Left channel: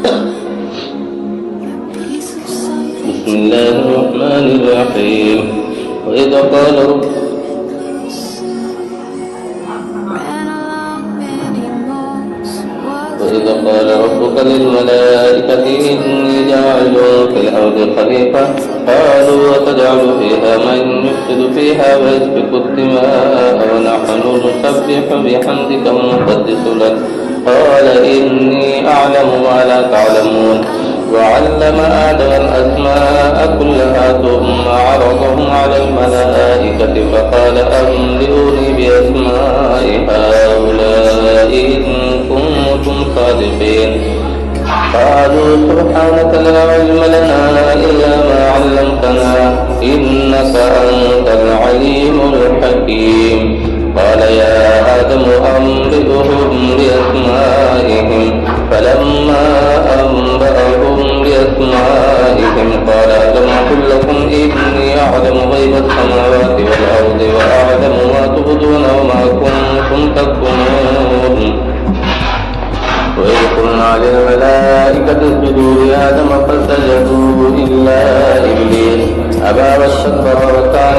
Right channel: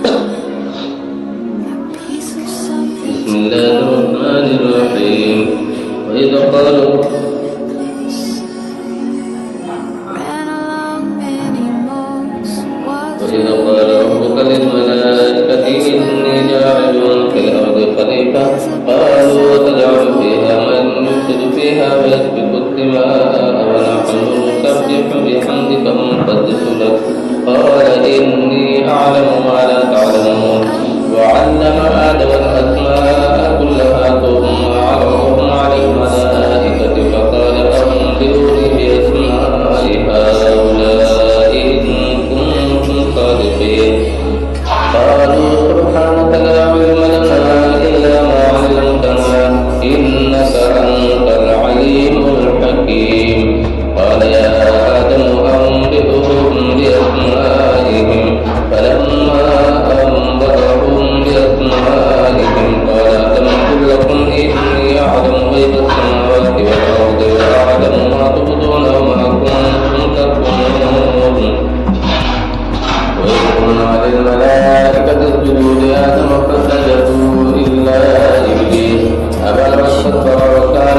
بسم الله الرحمن الرحيم. وإذ قال ربك للملائكة إني جاعل في الأرض خليفة قالوا وتجعل فيها من يفسد فيها ويسفك الدماء ونحن نسبح بحمدك ونقدس لك قال إني أعلم ما لا تعلمون وعلم آدم الأسماء كلها ثم عرضهم على الملائكة فقال أنبئوني بأسماء هؤلاء إن كنتم صادقين قالوا سبحانك لا علم لنا إلا ما علمتنا إنك أنت العليم الحكيم قال يا آدم أنبئهم بأسمائهم فلما أنبأهم بأسمائهم قال ألم أقل لكم إني أعلم غيب السماوات والأرض وأعلم ما تبدون وما كنتم تكتمون وإذ قلنا للملائكة اسجدوا لآدم فسجدوا إلا إبليس أبى واستكبر وكان